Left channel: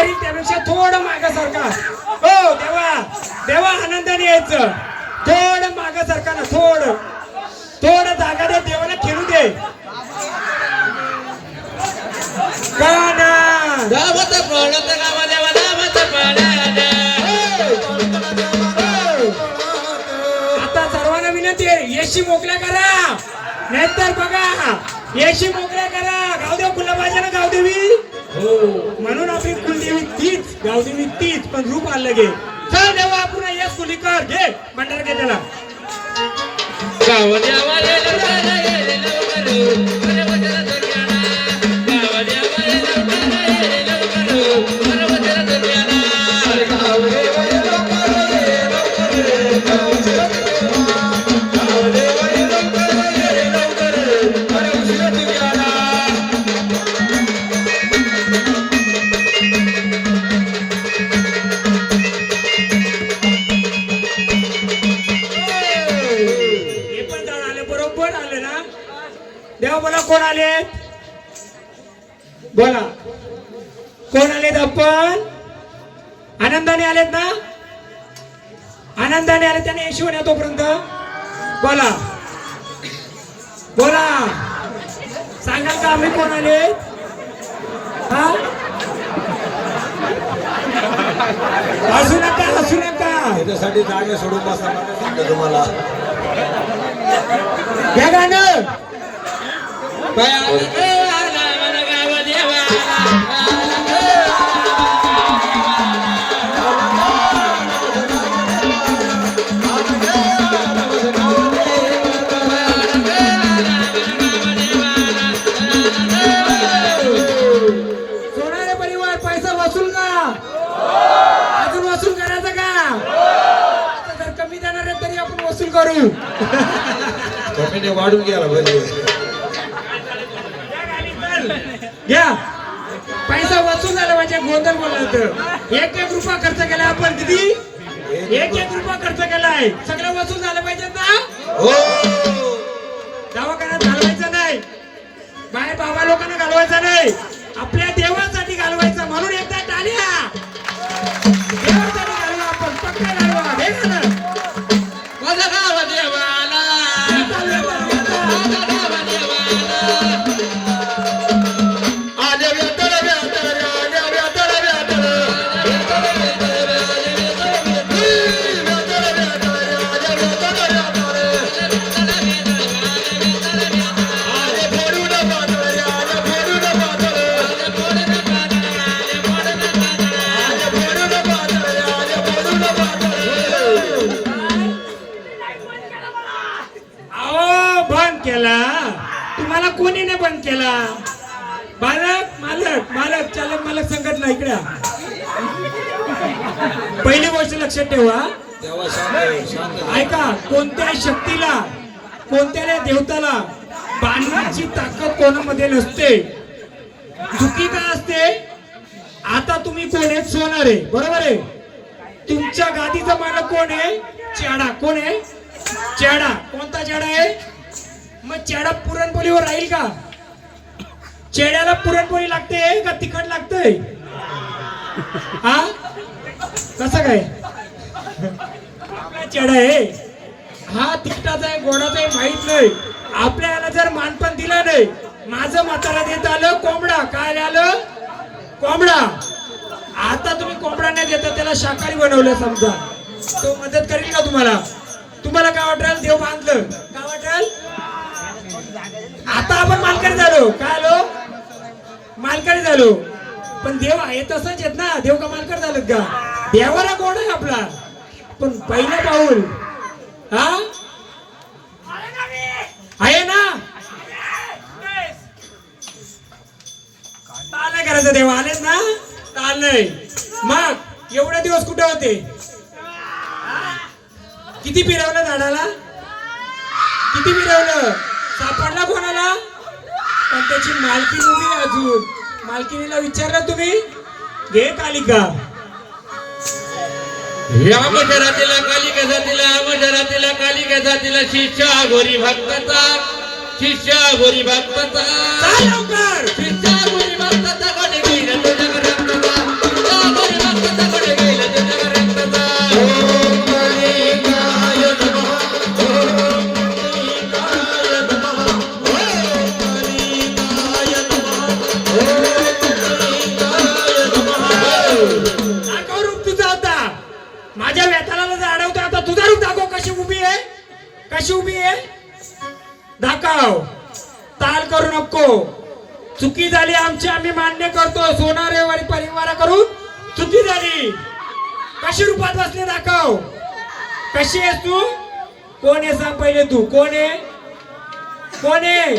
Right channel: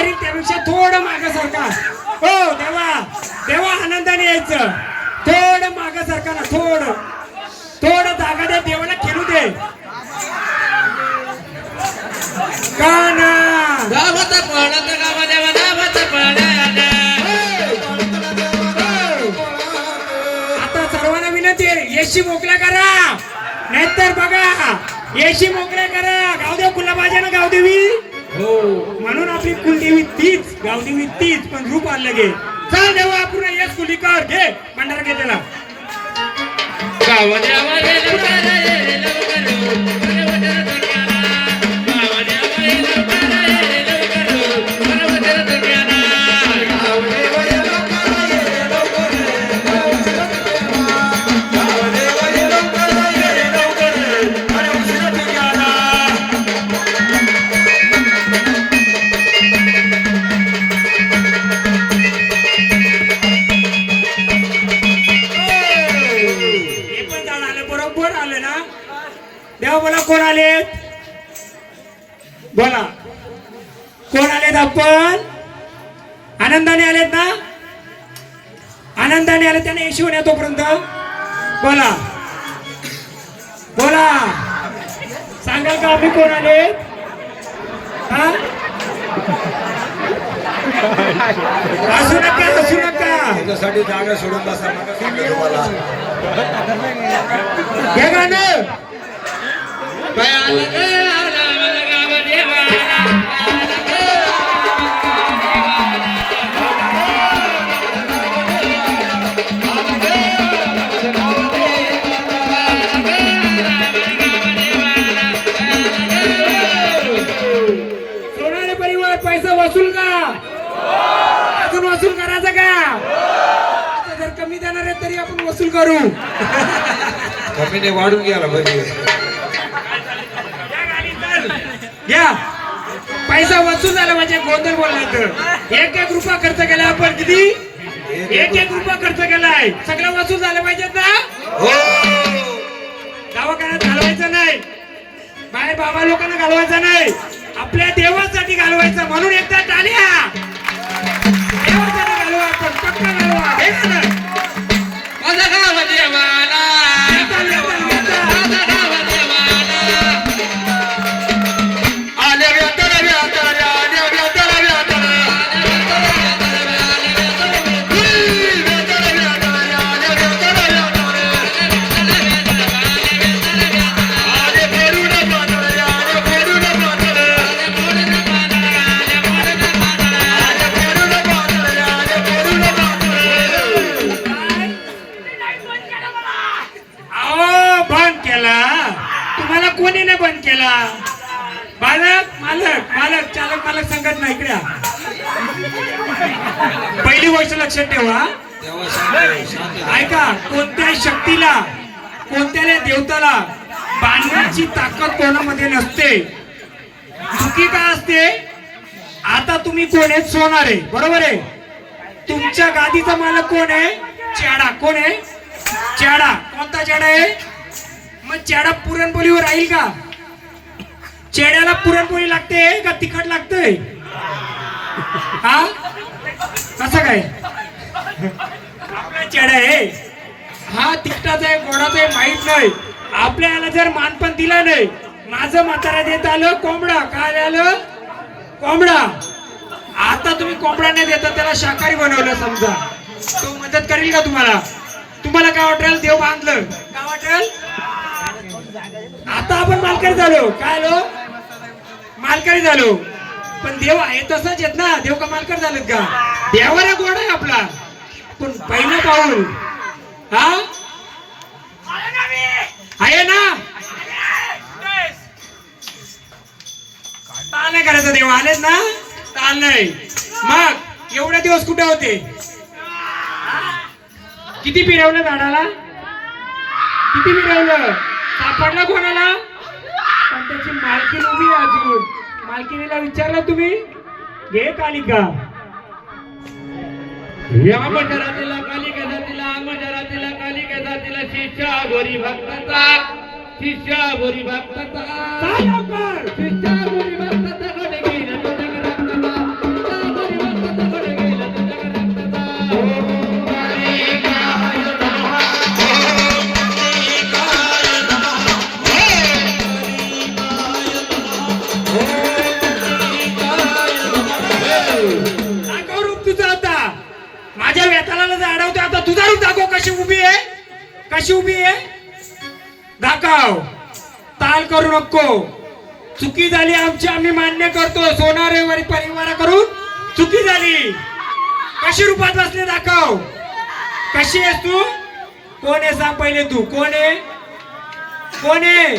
करीत त्यापेक्षा थोडं मागे सरका. हो देवा. देवा आनंदाने यायचं. थोडं मागे सरका ना थोडं. थोडं जागा द्या देवाला खेळू दे. गाण्या. गावात पडत गावाला गावात पडत आता सर्वांना विनंती आहे येशी मोकळ्या करा. नाहीतर बघा येशी मोकळ्या करा. गावदेव गुलाबाजा ना गावदेवी. हो. म्हणून आपली कुलदेवी तीच गावदेवी तीच पण रूप आलं गे चल देवा आपण यश कुलीकर घे मंडळ घे त्याला. झाड आले आले ना? देवा बोला कोण आलेत बोला. कोण आलेत आपण? आनंदाने आलेत ना? आनंदाने आले त्याने येशू होण्या तोपर्यंत? बोला. बोला. सांगाल का आम्ही कोण आले हा? हसू नका हसू नका. त्याच्यासाठी जागा सोडून बसा. तुम्हाला घ्या देणार आहे तरी आपण वसूल करू. कमीने वाढून घ्यायला पाहिजे घ्या पैसा वसूल झाला म्हणजे गोंधळ बोलला तर. एक एक रुपया खर्च केला आपण किती एक एक रुपया खर्च केलाय. सगळं वसूल झालं पाहिजेत ना? हो. दवाखान्यात घालवायचं नाही. बाहेर बाबा लोकांना घालवायचं नाही. केला. मालक मालक मालक चालक मालक संकट नाही इकडे पहिली गोष्ट लक्षात ठेवा. ऐका कोणत्या शक्तीला कोणत्या देवताला बांधण्याची ताकद कोणामध्ये नसते? चुकी काय असते? आता तुम्ही कोण आहेत? सोनार आहे. बरोबर आहे? तुमच्या गादीचा मालक कोण आहे? चेडा. कोण आहे? चेडा. कोणता चेडा आहे? मग चेडा पुरणपोळीवर राहील का? चेड्याला पुरणपोळी लागते का तिखट लागते हा? कसं काय? आपला चेडा आहे. हा तिखटाचा आहे गोडाचा आहे माहीत नाही. आपल्याला जर मानपण दिलं नाही माझं म्हातारा देत आलं कोंबडा. काय आलं? कोंबडा. आता तुम्ही कोंबडा नाही देता त्याला शाकाहारी बनवलं समजा. तो मदत करेल का तुम्हाला? तुम्हाला काय वाटेल? देव बांधलं. काय वाटेल? आता आपण मालकरी झालो. काय आलो? मालकरी झालो. पण देव आहे तसंच येत ना. देव का मालकर झालेत का? देवाला गोड आहे आपला. पण पहिलं पाऊल. हा? आहे ना? ताल नाही करायचं देव. आलेच ना? ताल नाही. मग एवढे दिवस कुठे होते? किती फिरवलं झाडाला? किती फिरवलं? सापडला कोणाला? पण त्याची मालकी नव्हती अजून. मालकीनीला विचारलं तुम्ही? घे कालिका या मजरातीला कालिका जातीला मजरातीला कालिका जातीला शिष्या गोरी भक्ताचा शिष्या गोरी भक्ताचा लवकर! वेताला जर अडवतो आता तुझा रूप दाखव कशी उभी आहे. कशी उभी आहे. दाखव. ताल करू नको. चुकी झाली आमची आम्ही मान्य करतो. सोनारेवारी परिवारा करून चुकी झाली. कशी रूपात बसले दाखव. कशी आहेस तू? कोण आहे सांग पहिले तू? कोण आहे? कोण आहे?